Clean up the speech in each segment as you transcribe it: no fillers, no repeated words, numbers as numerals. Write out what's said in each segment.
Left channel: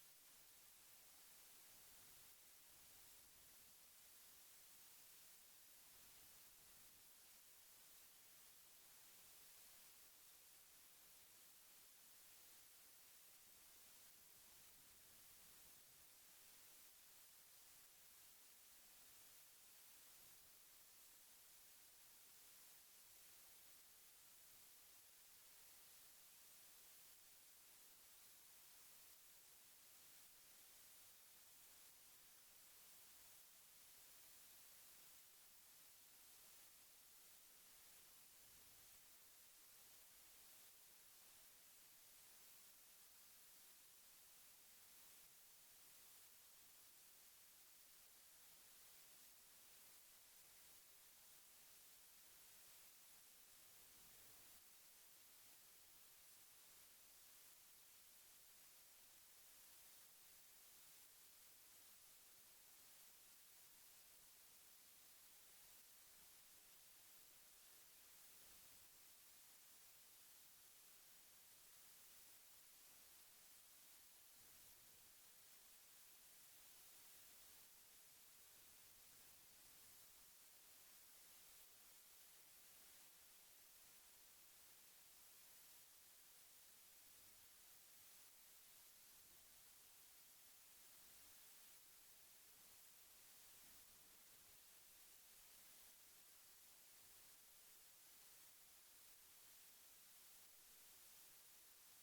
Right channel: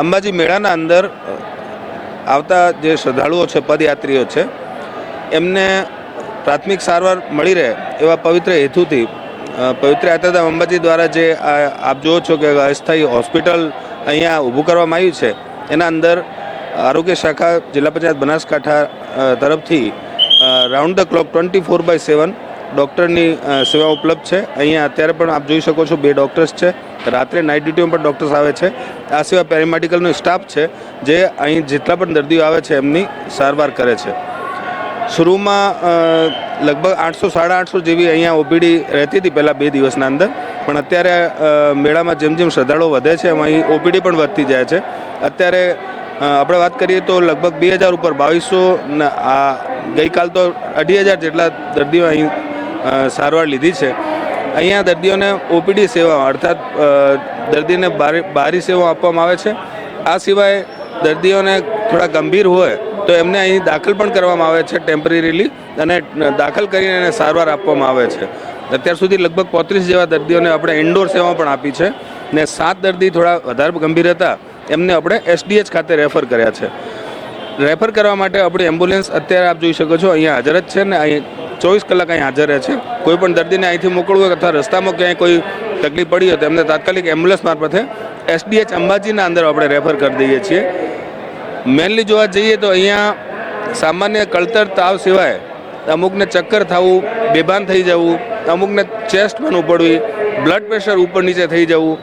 અંબાજી મેળાના અંદર આવતા જે શ્રદ્ધાળુઓ છે, પદયાત્રીઓ છે, એમને પ્રાથમિક સારવાર મળી રહે એવા પવિત્ર હેતુથી પવિત્ર યાત્રાધામ અંબાજી દ્વારા જે આપ જુઓ છો કે અસ્થાયી હોસ્પિટલ અહીંયા ઊભું કરવામાં આવ્યું છે, એના અંદર આરોગ્ય શાખા જિલ્લા પંચાયત બનાસકાંઠા તરફથી રાઉન્ડ ધ ક્લોક 24/7 ડૉક્ટરની સેવા ઉપલબ્ધ છે. અહીંયા અત્યારે પણ આપ જોઈ શકો છો 2 ડૉક્ટર્સ છે. રાત્રે નાઇટ ડ્યુટીમાં પણ ડૉક્ટર્સ આવે છે. આ સિવાય પેરામેડિકલનો સ્ટાફ છે જે અહીં જેટલા પણ દર્દીઓ આવે છે એમની સારવાર કરે છે. શરૂમાં લગભગ 800-850 જેવી અહીંયા ઓપીડી રહેતી હતી પહેલાં 2 દિવસના અંદર, પણ અત્યારે મેળામાં જેમ જેમ શ્રદ્ધાળુઓ વધે છે એમ અહીં ઓપીડી પણ વધતી જાય છે. અત્યારે આપણે વાત કરીએ તો લગભગ 2000 ઉપર 2200, આ ગઈકાલ તો 2500 જેટલા દર્દીઓ અહીં સારવાર લીધી છે. અહીંયા દર્દીઓને ઓપીડી સેવા અર્થાત દર્દીને બારી સેવા આપવામાં આવે છે. આ સિવાય દર્દીઓને થોડા ગંભીર હોય તો એમને અહીં દાખલ પણ કરવામાં આવે છે ટેમ્પરરીલી, અને દાખલ કરીને એને સારવાર આપવામાં આવે છે. અત્યાર સુધી લગભગ 35 જેવા દર્દીઓને આપણે ઇન્ડોર સેવા પણ આપી છે, ને 7 દર્દી થોડા વધારે ગંભીર હતા એમને આપણે એસડીએચ ખાતે રેફર કર્યા છે. રેફર કરવા માટે આપણી એમ્બ્યુલન્સ અત્યારે આપ જોઈ શકો છો અહીંયા હાજર જ છે, ને અહીં 24 કલાક અહીં હાજર રહે છે. કોઈ પણ દર્દીને અહીંથી મોકલવું હોય અથવા રસ્તામાં ક્યાંય કોઈ તકલીફ પડી હોય તો એમને તાત્કાલિક એમ્બ્યુલન્સ મારફતે એસડીએચ અંબાજીના અંદર આપણે રેફર કરી દઈએ છીએ. મેનલી જોવા જઈએ તો અહીંયા સામાન્ય કળતર તાવ સિવાય અમુકને ચક્કર થવું, બેભાન થઈ જવું, અમુકને ચેસ્ટમાં ઉપડવી, બ્લડ પ્રેશર ઉપર નીચે થઈ જવું,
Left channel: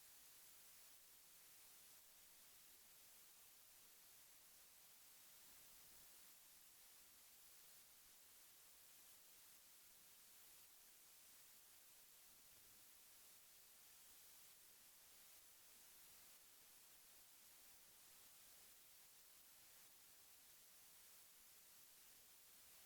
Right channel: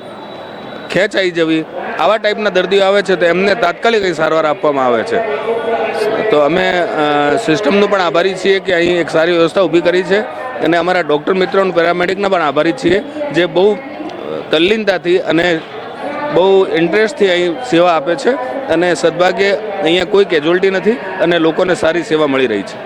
ખેંચ આવી જવી, આવા ટાઈપના દર્દીઓ આવે છે તો એમને તાત્કાલિક સારવાર આપવામાં આવે છે. તો અમે સિસ્ટમનું પણ આભારી છીએ કે અહીં એક સારી વ્યવસ્થા ઊભી કરી છે, અને અમારા ડૉક્ટર મિત્રોનું પેરામેડિકના પણ આભારી છીએ જે બહુ તલ્લીનતાથી અને બહુ ઇન્ટરેસ્ટથી અહીં સેવા આપે છે, અને સદભાગ્યે અહીંયા કોઈ કેઝ્યુઅલ્ટી નથી અને લોકોને સારી સેવા મળી રહી છે.